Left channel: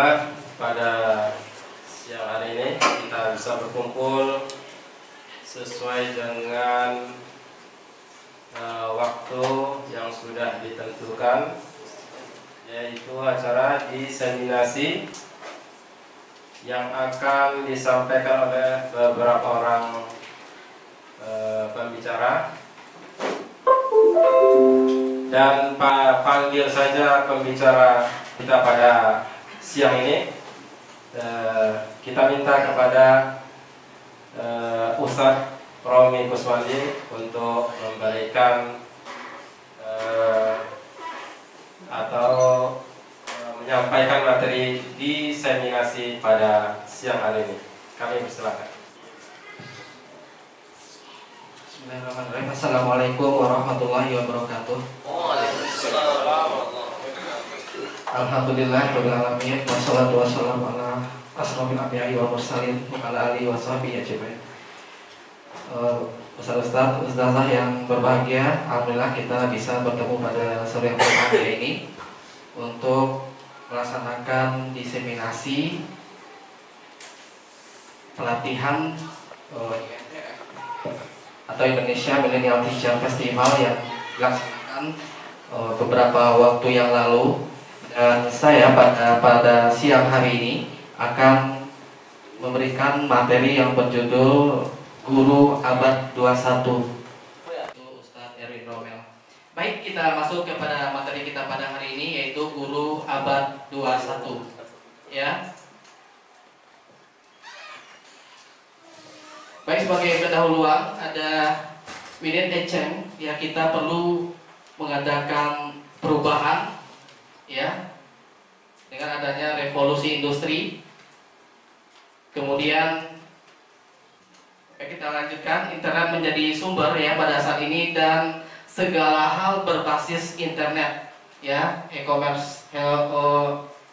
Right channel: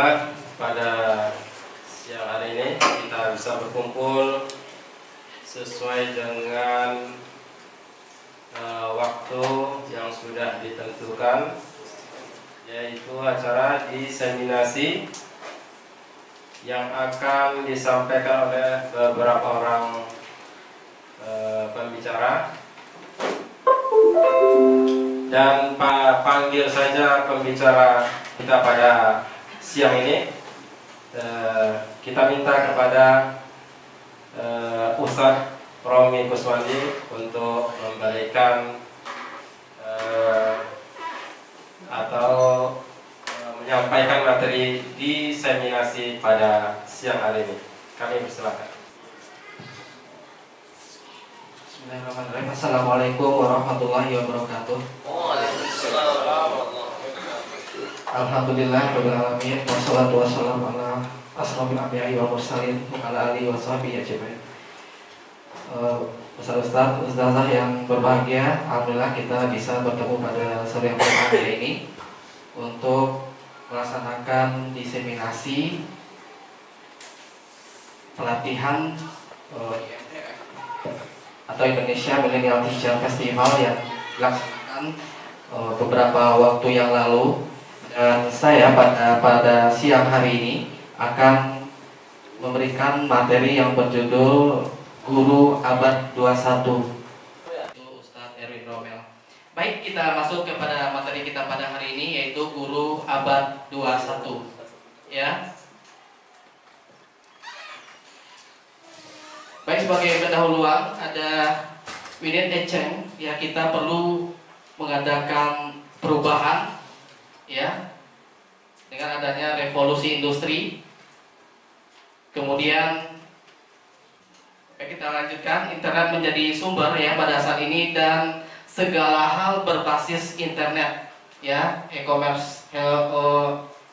Alhamdulillah pada siang hari ini kita bisa berkumpul sesuai dengan waktu yang sudah ditentukan, yaitu acara diseminasi yang akan disampaikan oleh beberapa orang pembicara. Dan panggil saja pembicara kita pada siang ini. Kita minta kepada Ustadz Romi Kuswandi untuk memberikan atau menyampaikan materi diseminasi pada siang hari ini. Kami persilakan. Bismillahirrahmanirrahim. Assalamualaikum warahmatullahi wabarakatuh. Alhamdulillah rabbil alamin, wassalatu wassalamu ala asrofil anbiya'i wal mursalin wa ala alihi washabihi ajmain. Ustaz-ustaz, ustazah yang berbahagia, alhamdulillah kita bisa bertemu pada sore yang berbahagia ini untuk melaksanakan diseminasi pelatihan atau Indonesia Millennial Teacher Festival yang dilaksanakan beberapa waktu yang lalu, dan saya pada siang hari ini akan memberikan materi yang berjudul Guru Abad 21. Ustadz Erwin Romel. Baik, kita masuk kepada materi kita pada hari ini, yaitu Guru Abad 21. Ya. Baik, sebagai pendahuluan ada Winnie Echeng, ya, kita perlu mengadakan perubahan, ya, dengan adanya revolusi industri. Kemudian kita lanjutkan, internet menjadi sumber, ya, pada saat ini, dan segala hal berbasis internet, ya, e-commerce,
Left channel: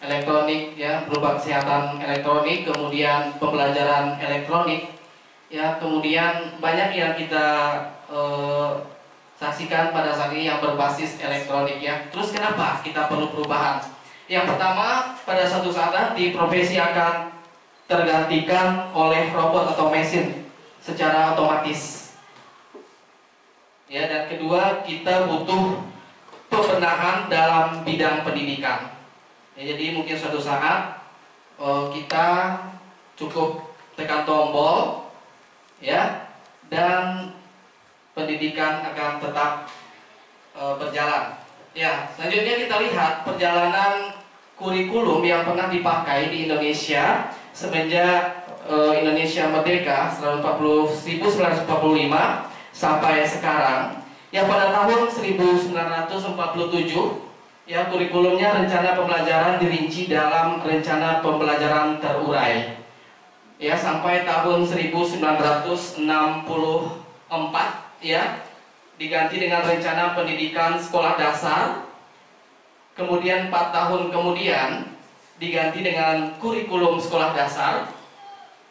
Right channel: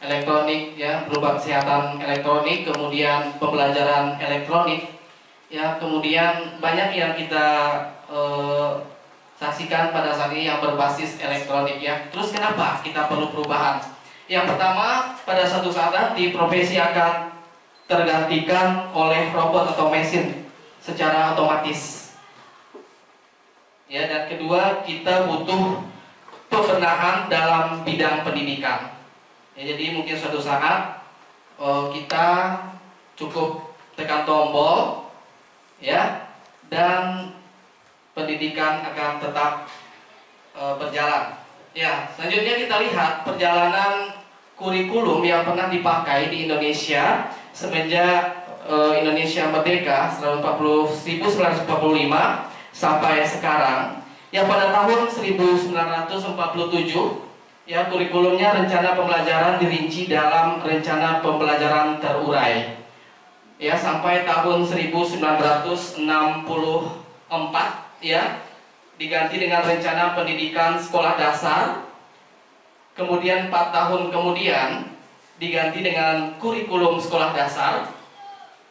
elektronik, ya, berupa kesehatan elektronik, kemudian pembelajaran elektronik. Ya, kemudian banyak yang kita saksikan pada saat ini yang berbasis elektronik, ya. Terus kenapa kita perlu perubahan? Yang pertama, pada suatu saat nanti profesi akan tergantikan oleh robot atau mesin secara otomatis. Ya, dan kedua, kita butuh pembenahan dalam bidang pendidikan. Ya, jadi mungkin suatu saat kita cukup tekan tombol, ya, dan pendidikan akan tetap berjalan. Ya, selanjutnya kita lihat perjalanan kurikulum yang pernah dipakai di Indonesia semenjak Indonesia merdeka 1945 sampai sekarang. Yang pada tahun 1947, ya, kurikulumnya rencana pembelajaran dirinci dalam rencana pembelajaran terurai. Ya, sampai tahun 1964, ya, diganti dengan rencana pendidikan sekolah dasar. Kemudian 4 tahun kemudian diganti dengan kurikulum sekolah dasar.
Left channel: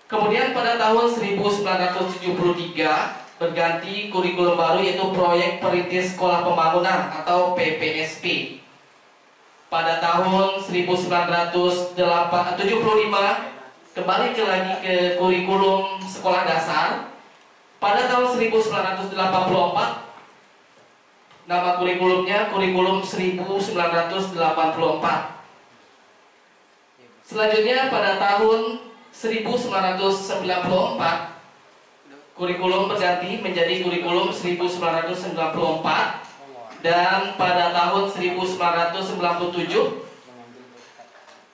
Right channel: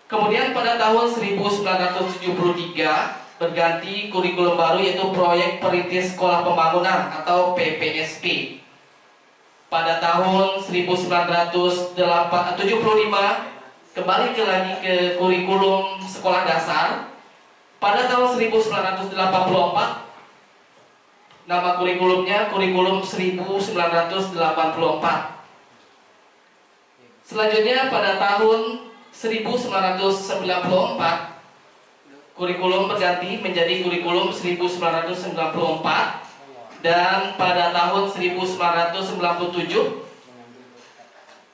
Kemudian pada tahun 1973 berganti kurikulum baru, yaitu proyek perintis sekolah pembangunan atau PPSP. Pada tahun 1975 kembali lagi ke kurikulum sekolah dasar. Pada tahun 1984 nama kurikulumnya kurikulum 1984. Selanjutnya pada tahun 1994 kurikulum berganti menjadi kurikulum 1994, dan pada tahun 1997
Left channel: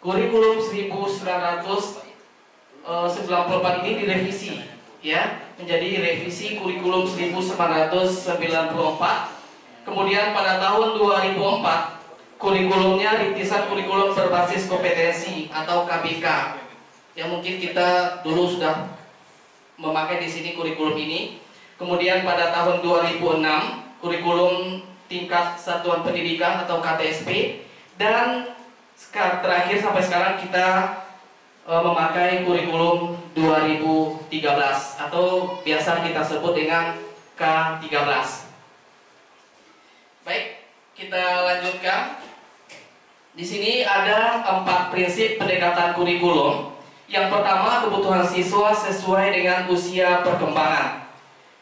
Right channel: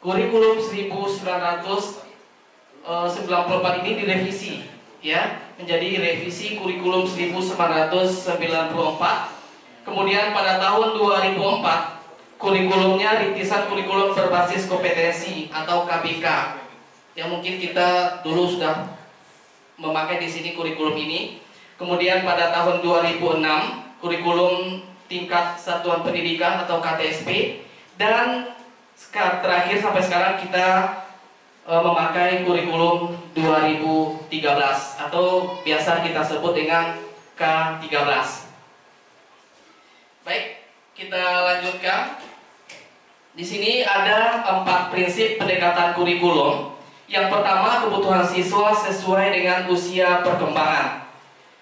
kurikulum 1994 ini direvisi, ya, menjadi revisi kurikulum 1994. Kemudian pada tahun 2004 kurikulumnya rintisan kurikulum berbasis kompetensi atau KBK. Yang mungkin kita dulu sudah memakai di sini kurikulum ini. Kemudian pada tahun 2006 kurikulum tingkat satuan pendidikan atau KTSP, dan terakhir sampai sekarang kita memakai kurikulum 2013 atau biasa kita sebut dengan K13. Baik, kita lanjutkan. Di sini ada 4 prinsip pendekatan kurikulum. Yang pertama, kebutuhan siswa sesuai dengan usia perkembangan.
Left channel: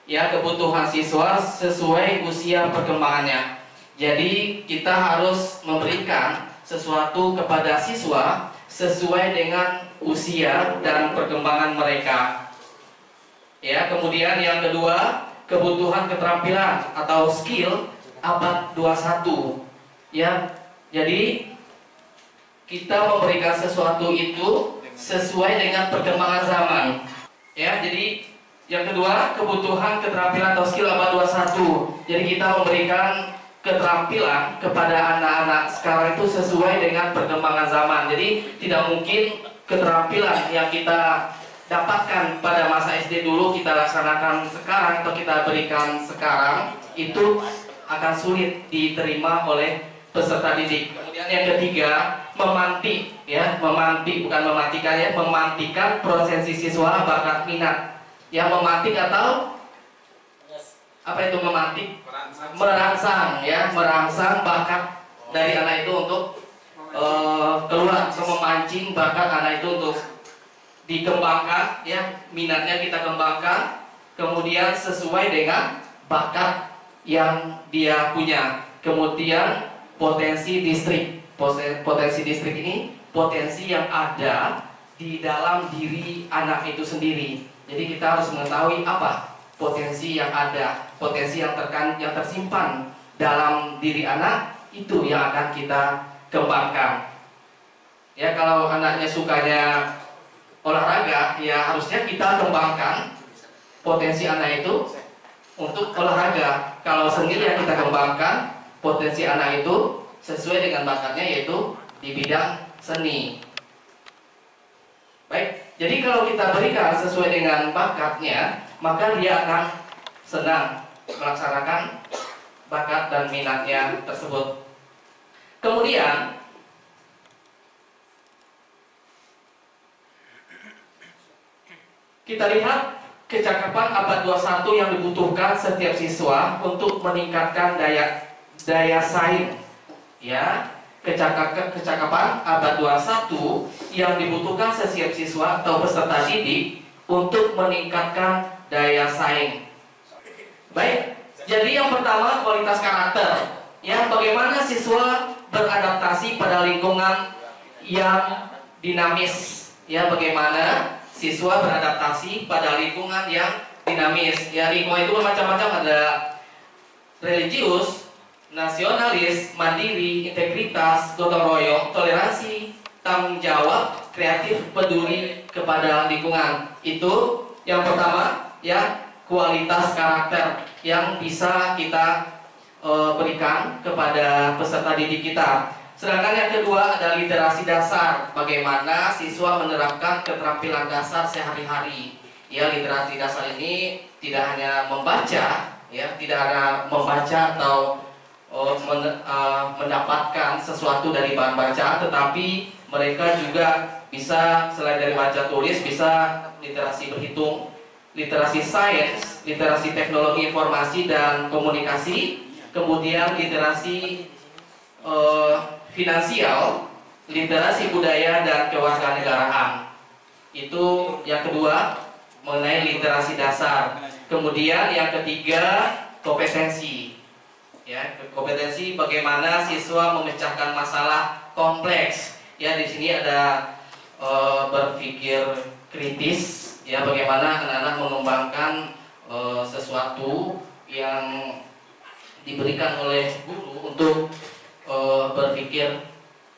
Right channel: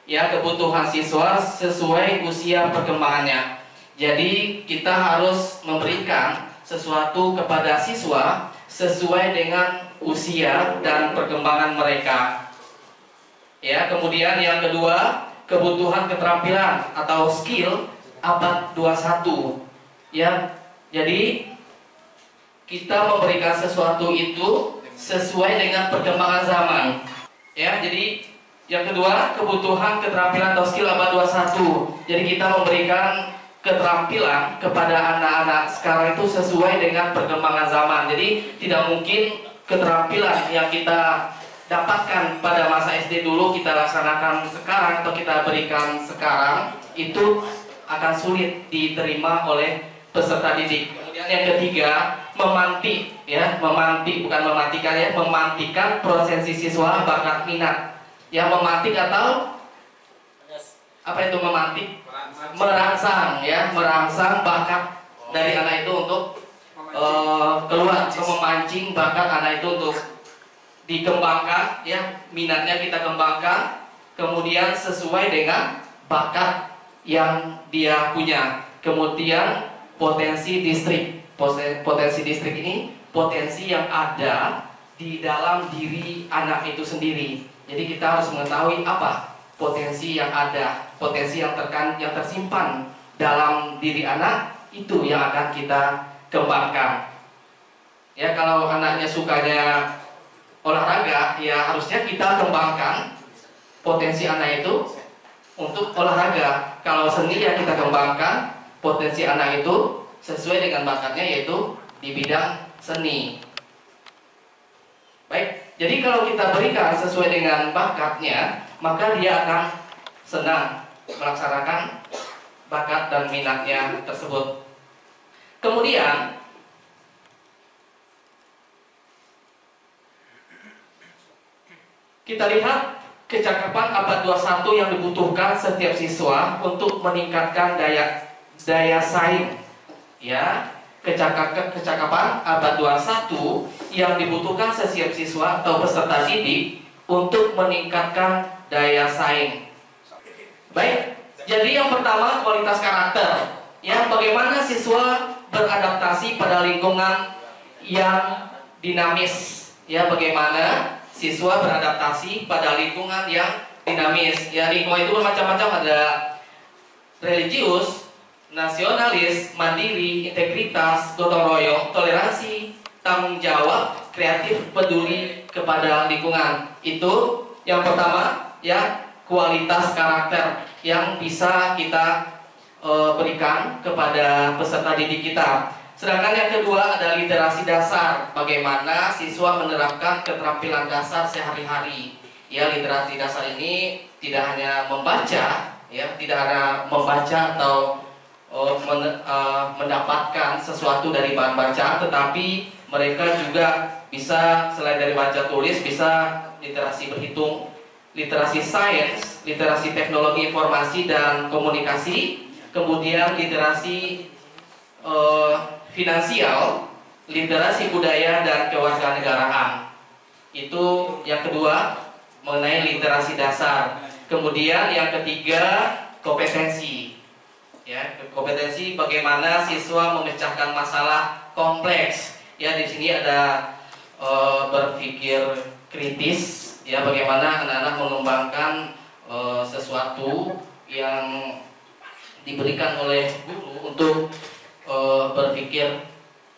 Ya, kebutuhan siswa sesuai usia perkembangannya. Jadi kita harus memberikan sesuatu kepada siswa sesuai dengan usia dan perkembangan mereka. Ya, kemudian yang kedua, kebutuhan keterampilan atau skill abad 21. Ya, jadi kita memberikan sesuatu itu sesuai dengan perkembangan zaman. Ya, jadi yang kedua, kebutuhan keterampilan atau skill abad 21. Jadi kita memberikan keterampilan kepada anak-anak sekarang itu sesuai dengan perkembangan zaman. Jadi tidak mungkin keterampilan yang kita dapatkan pada masa SD dulu kita laksanakan sekarang atau kita berikan sekarang, itu akan sulit diterima oleh peserta didik. Kemudian yang ketiga, memantik, ya, memantik bukan mematikan, ya, memantikan prosesi siswa bakat minat. Ya, memantik atau apa itu memantik? Merangsang, ya, merangsang bakat dari anak itu untuk keluar, atau memancing bakat anak itu untuk dikembangkan, ya, minatnya kita kembangkan, kemudian sesuai dengan bakat yang dia punya. Kemudian potensi distrik ini potensi yang ada di dalam diri anak itu sendiri. Jadi kita harus mengetahui apa potensi yang ada, potensi yang tersimpan dalam diri anak itu yang akan kita kembangkan. Ya, kalau anaknya sukanya olahraga, ya harusnya kita kembangkan potensi anak itu untuk olahraga. Kalau seni, ya kita kembangkan potensi anak itu sesuai dengan bakatnya, yaitu di bidang seni. Baik, jadi kalau kita berikan sesuai dengan bakatnya, maka dia akan senang melaksanakan bakat dan minatnya tersebut. Kemudian kita lihat kecakapan abad 21 yang dibutuhkan setiap siswa untuk meningkatkan daya saing. Ya, kecakapan abad 21 yang dibutuhkan setiap siswa atau peserta didik untuk meningkatkan daya saing. Baik, jadi yang pertama kualitas karakter. Ya, bagaimana siswa beradaptasi pada lingkungan yang dinamis. Ya, bagaimana siswa beradaptasi pada lingkungan yang dinamis. Ya, lingkungan itu bermacam-macam, ada religius, nasionalis, mandiri, integritas, gotong royong, toleransi, tanggung jawab, kreatif, peduli kepada lingkungan. Itu yang pertama, ya, kualitas karakter yang bisa kita berikan kepada peserta didik kita. Sedangkan yang kedua ada literasi dasar, bagaimana siswa menerapkan keterampilan dasar sehari-hari. Ya, literasi dasar ini tidak hanya membaca, ya, tidak hanya membaca atau mendapatkan sesuatu dari bahan bacaan, tetapi mereka juga bisa selain dari baca tulis, bisa literasi berhitung, literasi sains, literasi teknologi informasi dan komunikasi, kemudian literasi finansial, literasi budaya dan kewarganegaraan. Itu yang kedua mengenai literasi dasar. Kemudian yang ketiga kompetensi. Ya, kompetensi bagaimana siswa memecahkan masalah kompleks. Ya, di sini ada berpikir kritis. Ya, bagaimana anak-anak mengembangkan sesuatu yang diberikan oleh guru untuk berpikir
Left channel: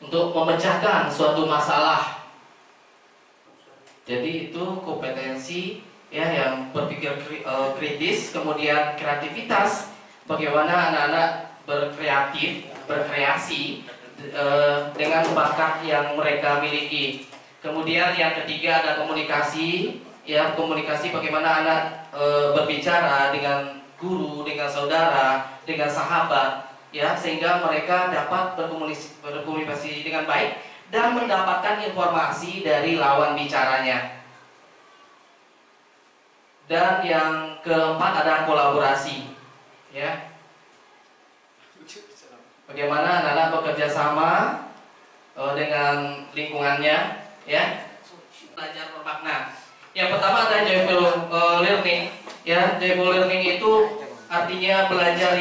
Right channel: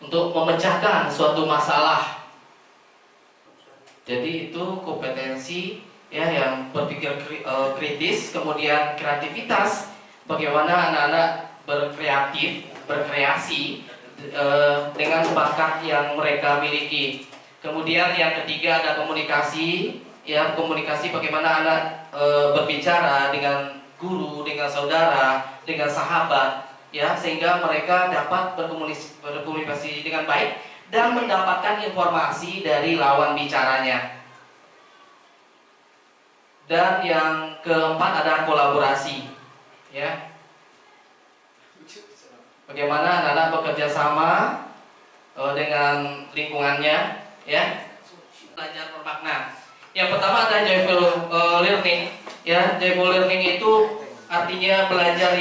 untuk memecahkan suatu masalah. Jadi itu kompetensi, ya, yang berpikir kritis, kemudian kreativitas, bagaimana anak-anak berkreasi dengan bakat yang mereka miliki. Kemudian yang ketiga ada komunikasi, ya, komunikasi bagaimana anak berbicara dengan guru, dengan saudara, dengan sahabat, ya, sehingga mereka dapat berkomunikasi dengan baik dan mendapatkan informasi dari lawan bicaranya. Dan yang keempat ada kolaborasi, ya, bagaimana anak-anak bekerja sama, dengan lingkungannya, ya. Belajar bermakna. Yang pertama ada joyful learning, ya. Joyful learning itu artinya belajar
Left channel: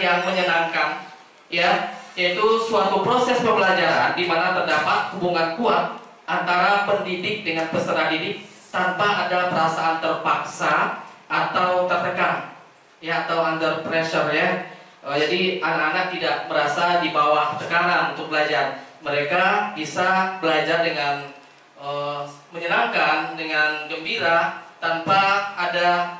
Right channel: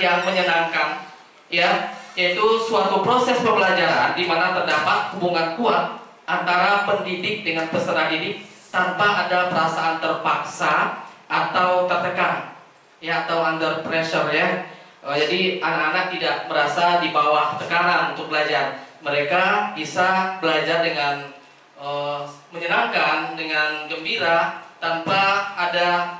yang menyenangkan, ya, yaitu suatu proses pembelajaran di mana terdapat hubungan kuat antara pendidik dengan peserta didik tanpa ada perasaan terpaksa atau tertekan, ya, atau under pressure, ya. Jadi anak-anak tidak merasa di bawah tekanan untuk belajar. Mereka bisa belajar dengan menyenangkan, dengan gembira, tanpa ada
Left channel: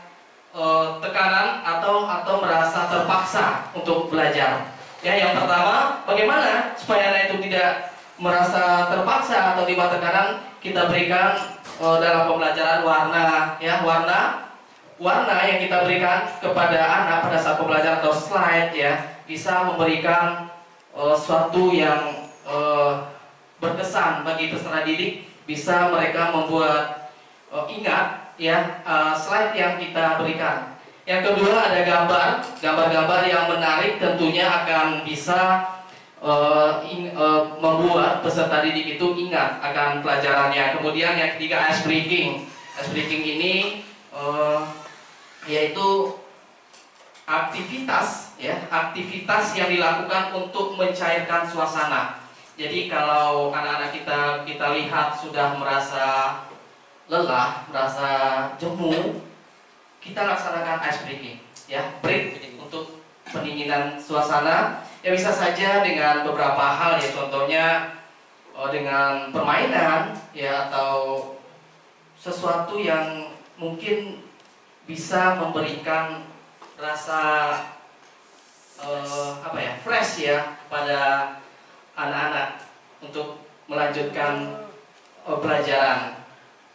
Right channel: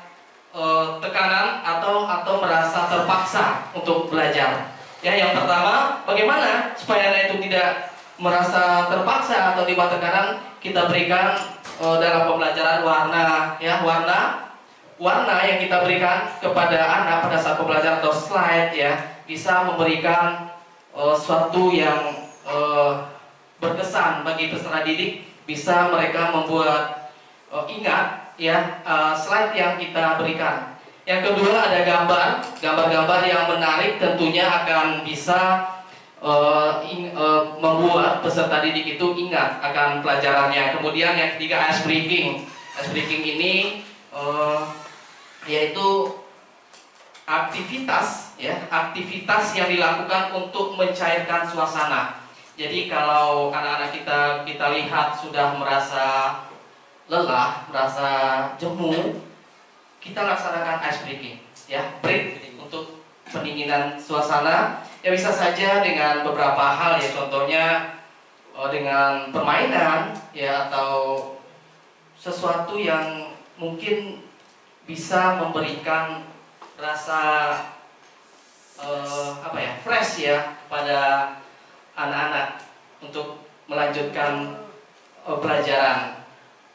tekanan atau merasa terpaksa untuk belajar. Ya, yang pertama, bagaimana supaya anak itu tidak merasa terpaksa atau di bawah tekanan? Kita berikan dalam pembelajaran warna, ya, warna yang kita berikan kepada anak pada saat pembelajaran atau slide, ya, bisa memberikan suatu yang berkesan bagi peserta didik, bisa mereka membuat ingat, ya, slide yang kita berikan. Yang kedua ada gambar-gambar yang menarik, tentunya akan bisa membuat peserta didik itu ingat akan pelajarannya. Kemudian yang ketiga ice breaking. Ice breaking ini yaitu aktivitas, ya, aktivitas yang dilakukan untuk mencairkan suasana. Jadi kalau anak-anak kita lihat sudah merasa lelah, merasa jemu, kita laksanakan ice breaking, ya, break untuk pendinginan suasana. Ya, bisa saja dengan beberapa hal, ya, contohnya dengan permainan, ya, atau sesuatu yang mungkin bisa memberikan rasa fresh, ya, pada anak-anak untuk melanjutkan pelajaran,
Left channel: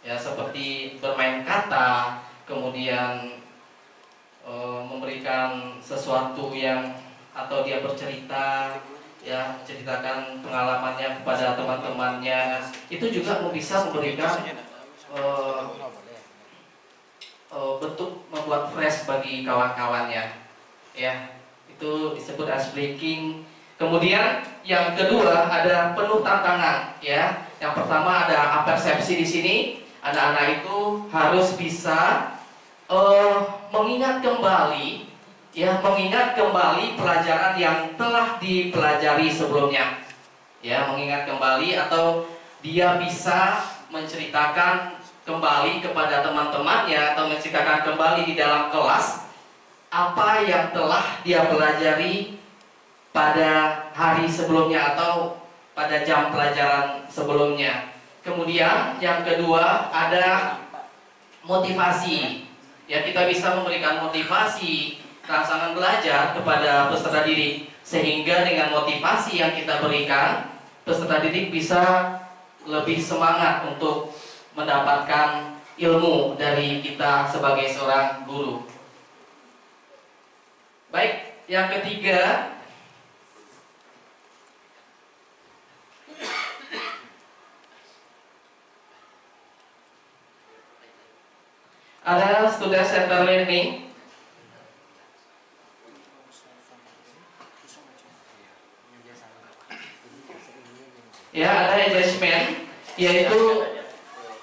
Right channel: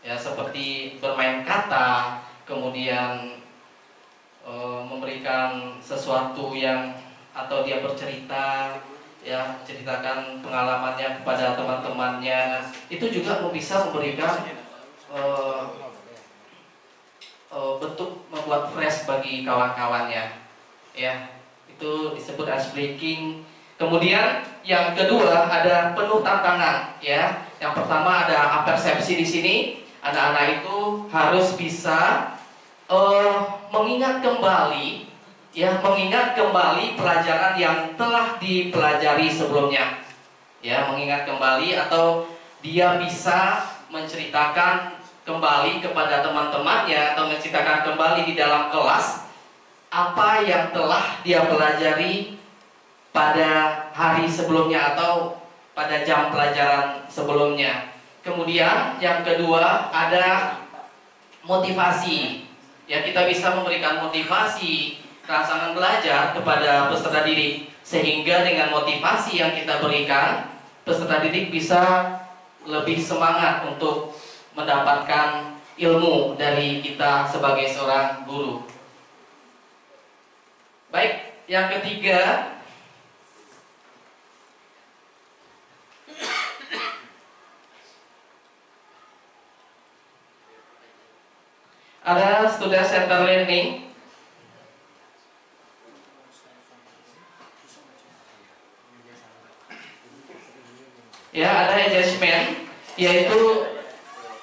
ya, seperti bermain kata, kemudian memberikan sesuatu yang atau dia bercerita, ya, menceritakan pengalamannya kepada teman-temannya, itu juga bisa memberikan bentuk membuat fresh bagi kawan-kawannya, ya. Itu disebut ice breaking. Kemudian yang kedua ada penuh tantangan, ya. Yang pertama ada apersepsi di sini. Anak-anak itu harus bisa mengingat kembali, ya, mengingat kembali pelajaran yang telah dipelajari sebelumnya, ya, mengingat kembali, atau dia bisa menceritakan kembali kepada teman-temannya atau menceritakan kembali di dalam kelas apa yang telah dia pelajari pada hari sebelumnya atau pada jam pelajaran sebelumnya. Kemudian yang kedua ada motivasi. Ya, kita bisa memberikan motivasi rangsangan belajar kepada peserta didik, sehingga dengan motivasi yang kita berikan, peserta didik bisa lebih semangat untuk mendapatkan ilmu dari kita sebagai seorang guru. Baik, yang ketiga ada student center learning. Ya, ada engagement, yaitu,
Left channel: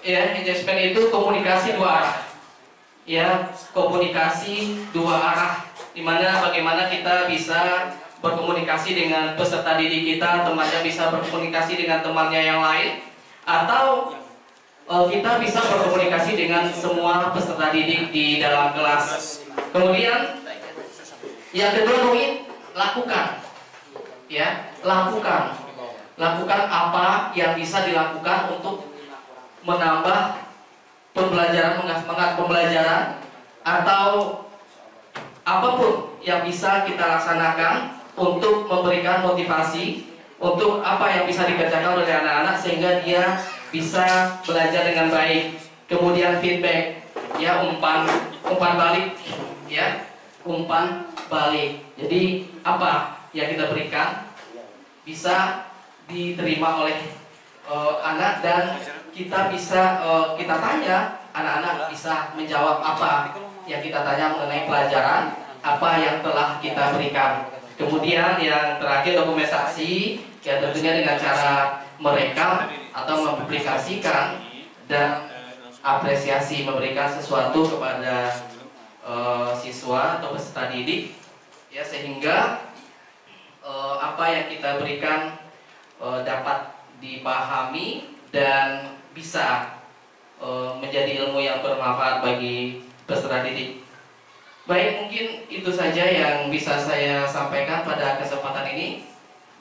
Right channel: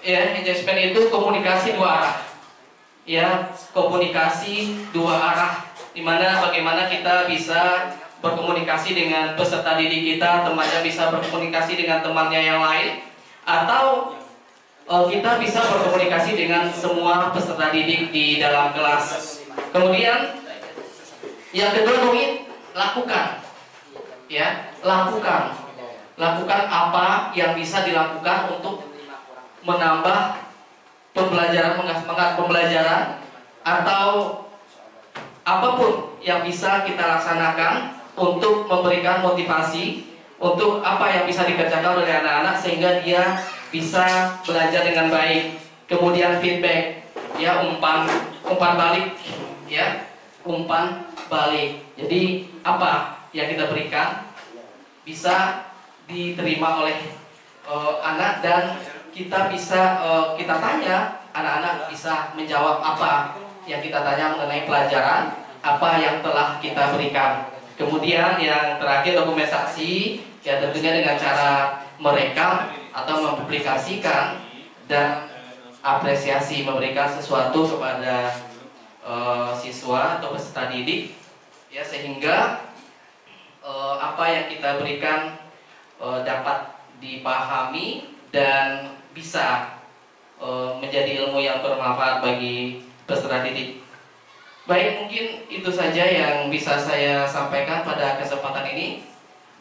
ya, engagement itu komunikasi dua arah. Ya, komunikasi dua arah, dimana bagaimana kita bisa berkomunikasi dengan peserta didik kita, temannya bisa berkomunikasi dengan temannya yang lain, atau kita bisa berkomunikasi dengan semua peserta didik di dalam kelas. Kemudian yang kedua, lakukan, ya, lakukan apa yang bisa dilakukan untuk menambah pembelajaran, mengasah pembelajaran, atau apapun yang bisa kita laksanakan untuk memberikan motivasi untuk apa yang bisa dikerjakan oleh anak-anak sehingga dia bisa belajar dengan baik. Kemudian feedback, ya, umpan balik, ya, umpan balik. Jadi apa yang kita berikan bisa diterima oleh anak, dan kita bisa kita tanya, anak-anak bisa menjawab apa yang kita tanya mengenai pelajaran apa yang telah kita berikan. Kemudian yang terakhir dokumentasi, ya tentunya dengan cara merekam atau mempublikasikan dan apresiasi, memberikan sesuatu kepada siswa atau peserta didik, ya sehingga apa yang kita berikan dapat dipahami dan bisa menjadi ilmu yang bermanfaat bagi peserta didik. Baik, mungkin itu saja yang bisa saya sampaikan pada kesempatan ini,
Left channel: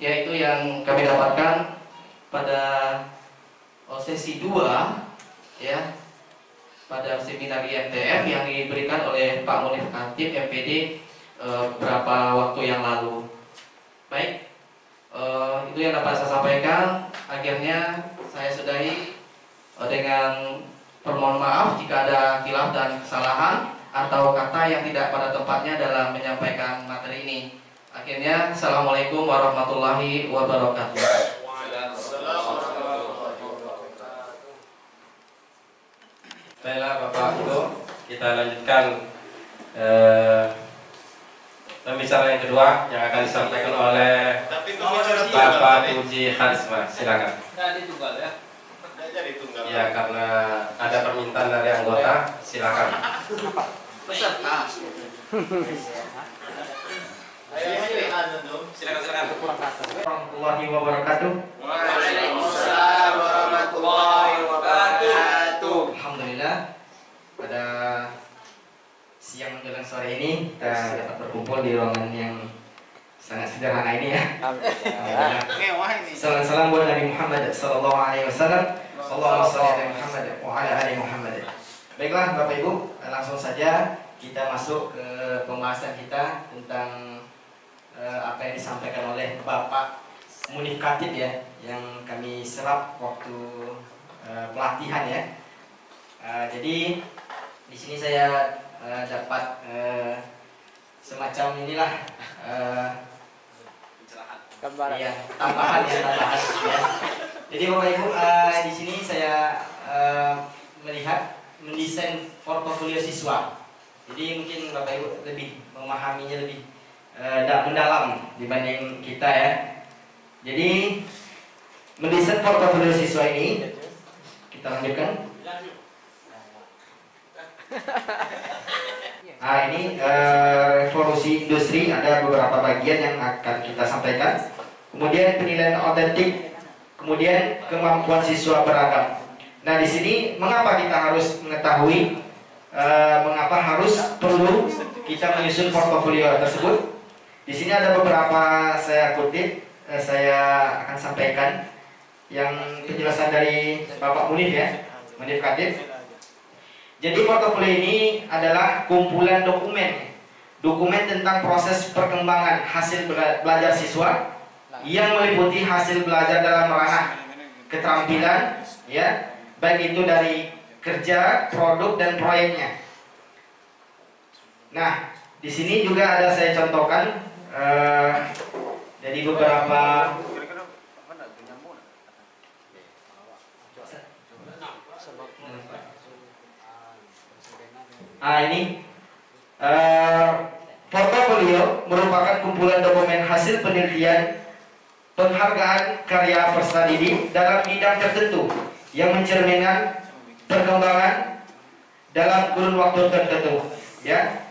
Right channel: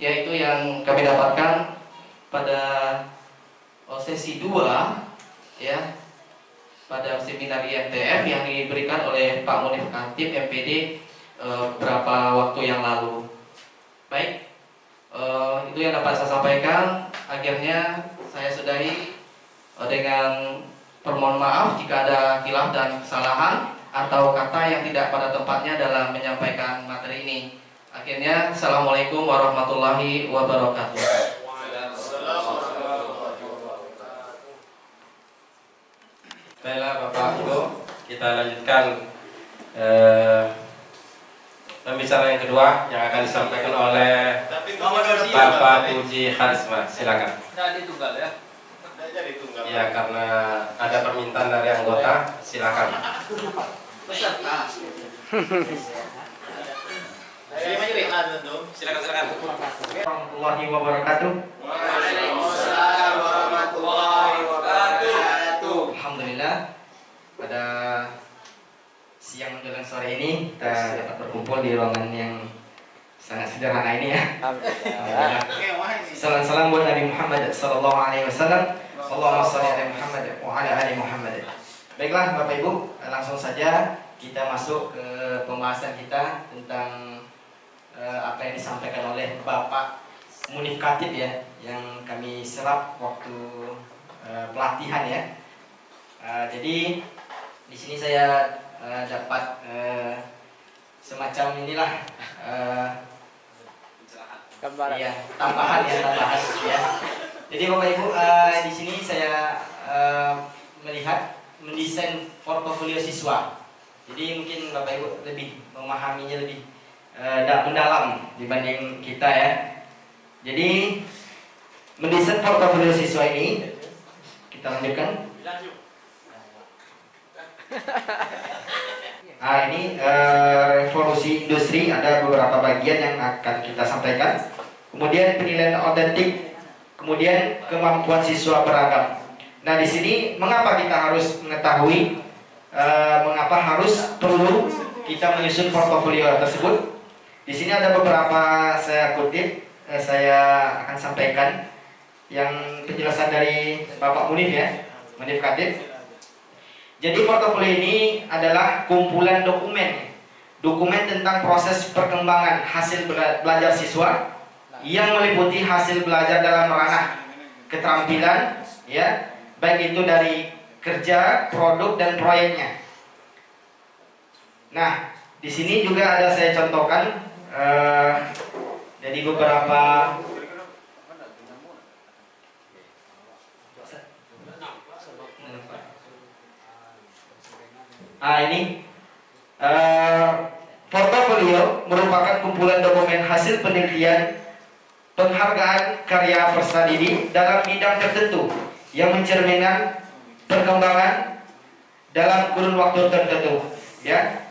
yaitu yang kami dapatkan pada sesi 2, ya, pada seminar IMTF yang diberikan oleh Pak Munif Khatib MPD beberapa waktu yang lalu. Baik, itu yang dapat saya sampaikan. Akhirnya saya sudahi dengan permohon maaf jika ada khilaf dan kesalahan atau kata yang tidak pada tempatnya dalam menyampaikan materi ini. Akhirnya, Assalamualaikum warahmatullahi wabarakatuh. Baiklah Bapak Ibu, kita lanjutkan pembicaraan yang kedua yang akan disampaikan oleh Bapak Puji Harisma. Silakan. Ya, karena ada permintaan dari anggota, silakan. Peserta. Silakan. Warahmatullahi wabarakatuh. Waalaikumsalam warahmatullahi wabarakatuh. Alhamdulillah, pada siang menjelang sore ini kita dapat berkumpul di ruangan yang sangat sederhana ini, ya. Alhamdulillah. Salam buat Nabi Muhammad sallallahu alaihi wasallam. Allahumma shalli ala Muhammad wa ala ali Muhammad. Baiklah Bapak Ibu, langsung saja kita masuk ke pembahasan kita tentang apa yang disampaikan oleh Bapak Munif Khatib, ya, yang kami serap waktu pelatihan, ya. Jadi di sini saya dapat semacam inilah ya, tambahan, ya. Jadi Bapak Ibu, di sini saya melihat mendesain portofolio siswa. Jadi mungkin Bapak Ibu lebih memahaminya lebih mendalam dibanding kita, ya. Jadi mendesain portofolio siswa ini, kita lanjutkan. Ini revolusi industri, ada beberapa bagian yang akan kita sampaikan. Kemudian penilaian otentik, kemudian kemampuan siswa beragam. Nah, di sini mengapa kita harus mengetahui, mengapa harus perlu kita menyusun portofolio tersebut? Di sini ada beberapa saya kutip, saya akan sampaikan yang penjelasan dari Bapak Munif, ya, Munif Khatib. Jadi portofolio ini adalah kumpulan dokumen tentang proses perkembangan hasil belajar siswa yang meliputi hasil belajar dalam ranah keterampilan, ya, baik itu dari kerja, produk dan proyeknya. Nah, di sini juga ada saya contohkan dari beberapa ini portofolio merupakan kumpulan dokumen hasil penelitian penghargaan karya peserta didik dalam bidang tertentu yang mencerminkan perkembangan dalam kurun waktu tertentu, ya.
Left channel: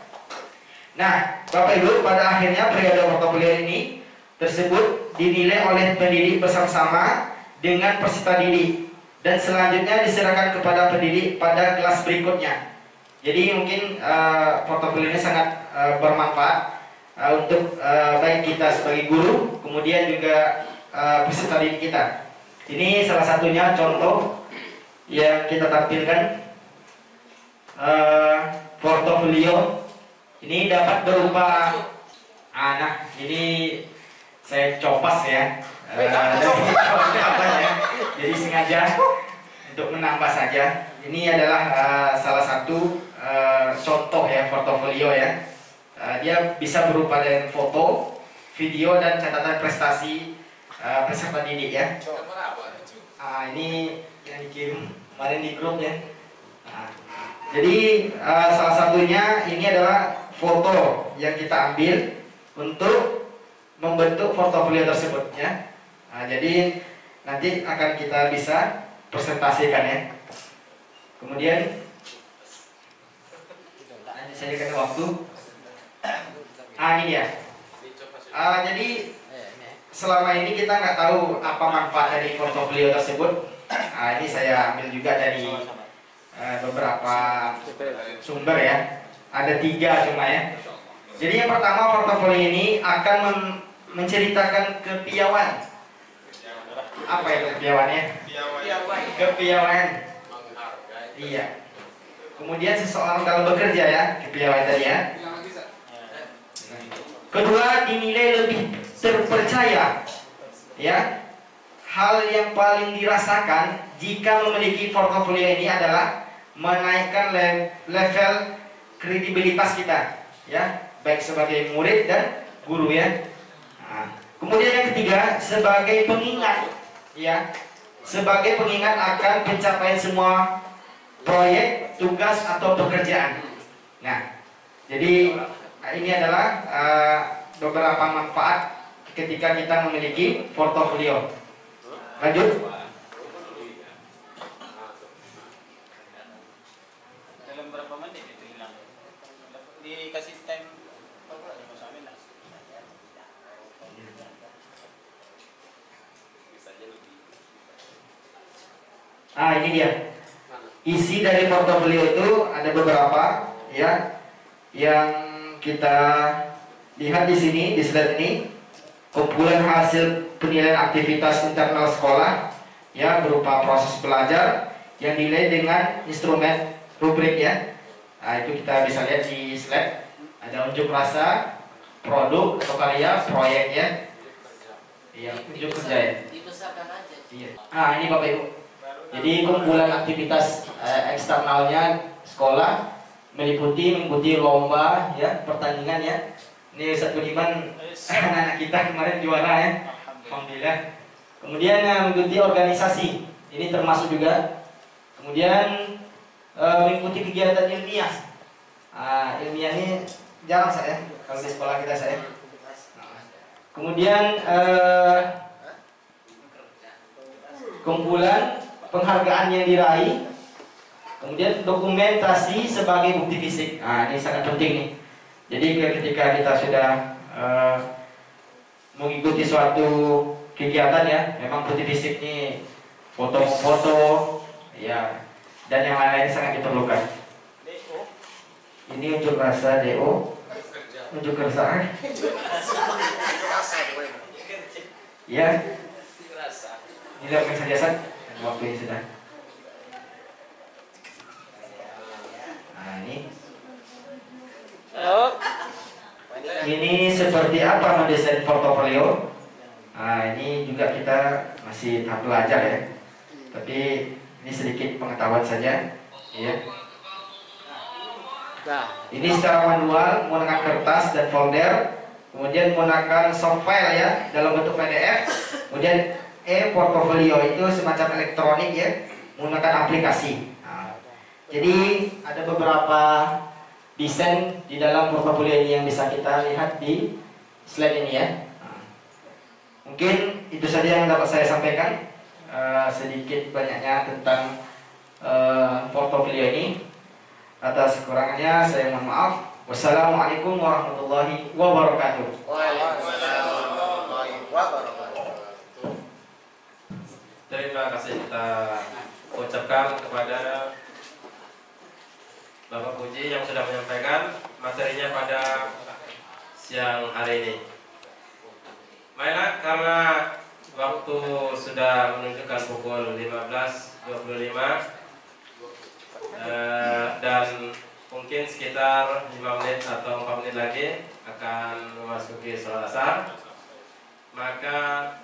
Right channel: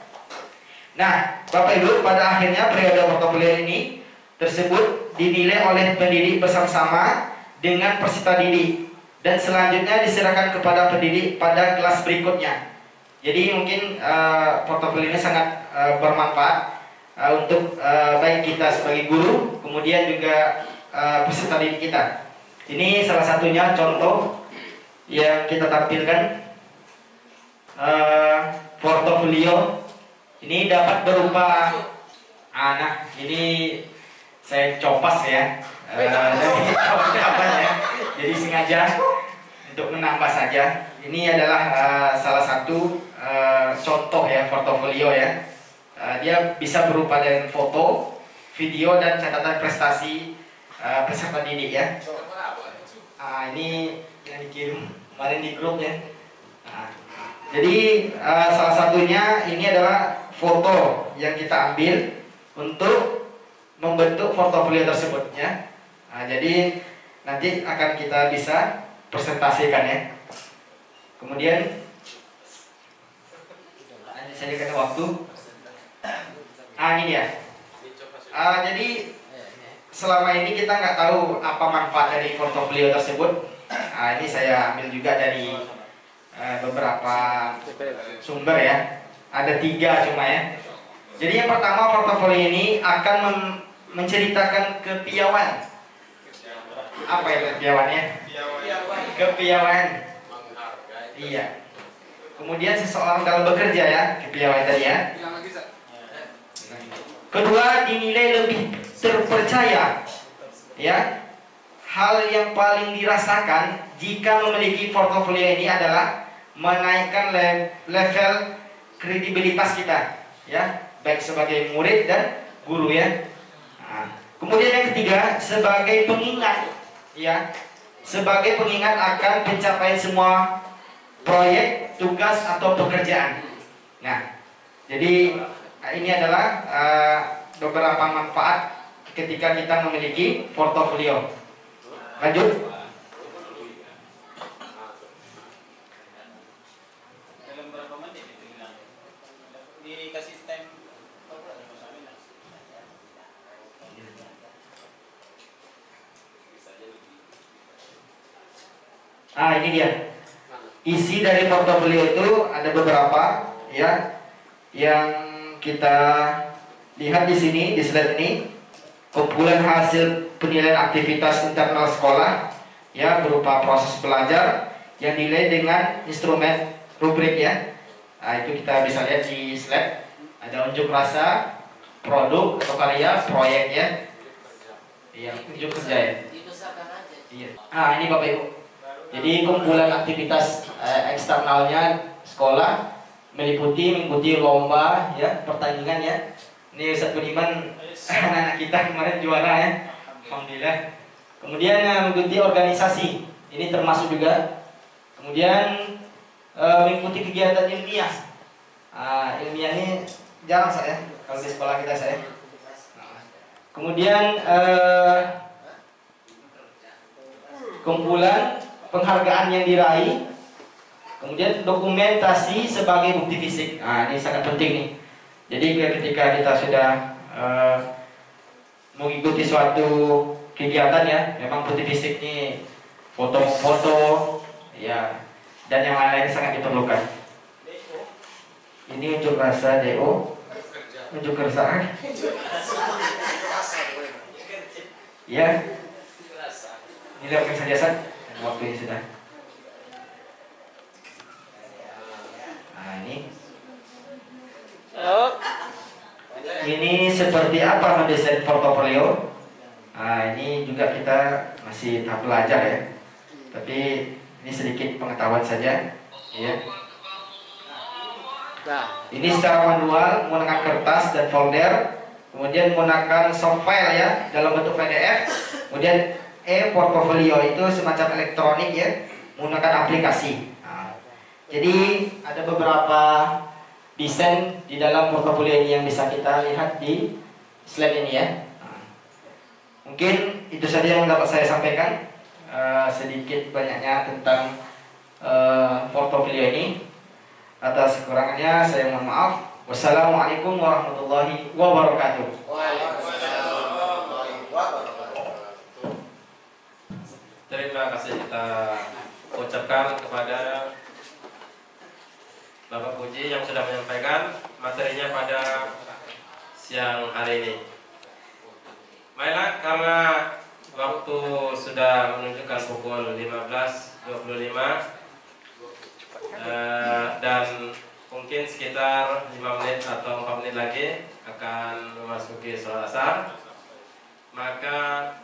Nah, Bapak Ibu, pada akhirnya periode portofolio ini tersebut dinilai oleh pendidik bersama-sama dengan peserta didik dan selanjutnya diserahkan kepada pendidik pada kelas berikutnya. Jadi mungkin portofolio ini sangat bermanfaat untuk baik kita sebagai guru, kemudian juga peserta didik kita. Ini salah satunya contoh yang kita tampilkan. Portofolio ini dapat berupa anak. Ini saya copas, ya, jadi sengaja untuk menambah saja. Ini adalah salah satu contoh, ya, portofolio, ya. Dia bisa berupa dengan foto, video dan catatan prestasi peserta didik, ya. Ini yang dikirim kemarin di grup, ya. Jadi salah satunya ini adalah foto yang kita ambil untuk membentuk portofolio tersebut ya. Nah, jadi nanti akan kita bisa presentasikan ya. Kemudian nanti saya kasih waktu. Ini dia. Jadi selama ini kita nggak tahu apa manfaat dari portofolio tersebut. Ini saya ambil juga dari beberapa sumber ya. Ada 3 cuma ya. Jadi yang pertama, portofolio ini akan menceritakan kepiawaian. Apa itu kepiawaiannya? Kepiawaian. Iya. Kemudian seseorang dalam bekerja ya, kepiawaian tadi ya. Kedua, dinilai lebih terpercaya. Ya. Hal yang paling dirasakan jika memiliki portofolio ini adalah menaikkan level kredibilitas kita, ya, baik sebagai murid dan guru ya. Nah, kemudian yang ketiga, sebagai pengingat, ya, sebagai pengingat akan pencapaian semua proyek, tugas atau pekerjaan. Nah, jadi ini adalah beberapa manfaat ketika kita memiliki portofolio. Lanjut. Dalam berapa menit itu hilang? Dikasih time. Ini dia. Isi dari portofolio itu ada beberapa ya, yang kita lihat di sini di slide ini. Kumpulan hasil penilaian aktivitas internal sekolah ya, berupa proses belajar yang dinilai dengan instrumen rubrik ya. Nah, itu kita bisa lihat di slide. Ada unjuk rasa, produk atau karya, proyek ya. Iya, unjuk kerja ya. Iya. Ini Bapak Ibu. Jadi kumpulan aktivitas eksternalnya sekolah mengikuti lomba ya, pertandingan ya. Ini Ustaz Budiman, anak-anak kita kemarin juara ya, alhamdulillah. Kemudian mengikuti organisasi, ini termasuk juga. Kemudian mengikuti kegiatan ilmiah. Ilmiah ini jarang saya kalau di sekolah kita saya. Kemudian kumpulan penghargaan yang diraih. Kemudian dokumentasi sebagai bukti fisik. Ini sangat penting nih. Jadi ketika kita sudah mengikuti suatu kegiatan ya, memang bukti fisik ini foto-foto ya, dan yang lain-lain sangat diperlukan. Ini unjuk rasa DO, unjuk rasa ya. Ini lakukan saja waktu ini sudah. Ini seperti apa mendesain portofolio? Ini juga kita masih tahap belajar ya. Tapi ini sedikit pengetahuan saja, ya. Ini secara manual menggunakan kertas dan folder, kemudian menggunakan soft file ya dalam bentuk PDF. Kemudian portofolio itu semacam elektronik ya, menggunakan aplikasi. Jadi ada beberapa desain di dalam portofolio ini yang bisa kita lihat di slide ini ya. Mungkin itu saja yang dapat saya sampaikan, sedikit banyaknya tentang portofolio ini. Atas kekurangannya saya mohon maaf. Wassalamualaikum warahmatullahi wabarakatuh. Terima kasih kita ucapkan kepada Bapak Puji yang sudah menyampaikan materinya pada siang hari ini. Baiklah, karena waktu sudah menunjukkan pukul 15.25 dan mungkin sekitar 5 menit atau 4 menit lagi akan memasuki sholat asar, maka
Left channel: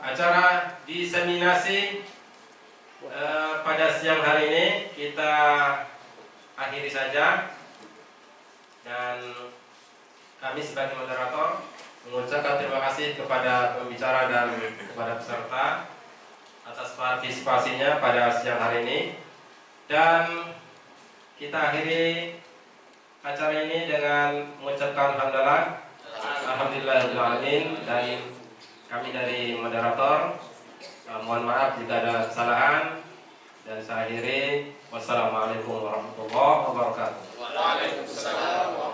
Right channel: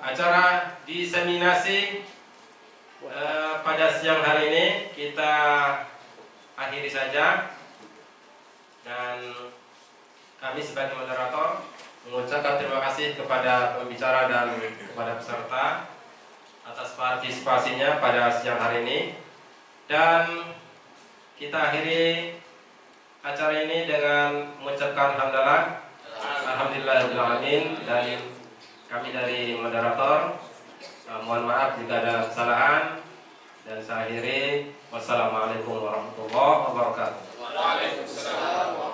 acara diseminasi pada siang hari ini kita akhiri saja, dan kami sebagai moderator mengucapkan terima kasih kepada pembicara dan kepada peserta atas partisipasinya pada siang hari ini, dan kita akhiri acara ini dengan mengucapkan alhamdulillah Alhamdulillahirrahmanirrahim. Dan kami dari moderator mohon maaf jika ada kesalahan, dan saya akhiri. Wassalamualaikum warahmatullahi wabarakatuh. Waalaikumsalam.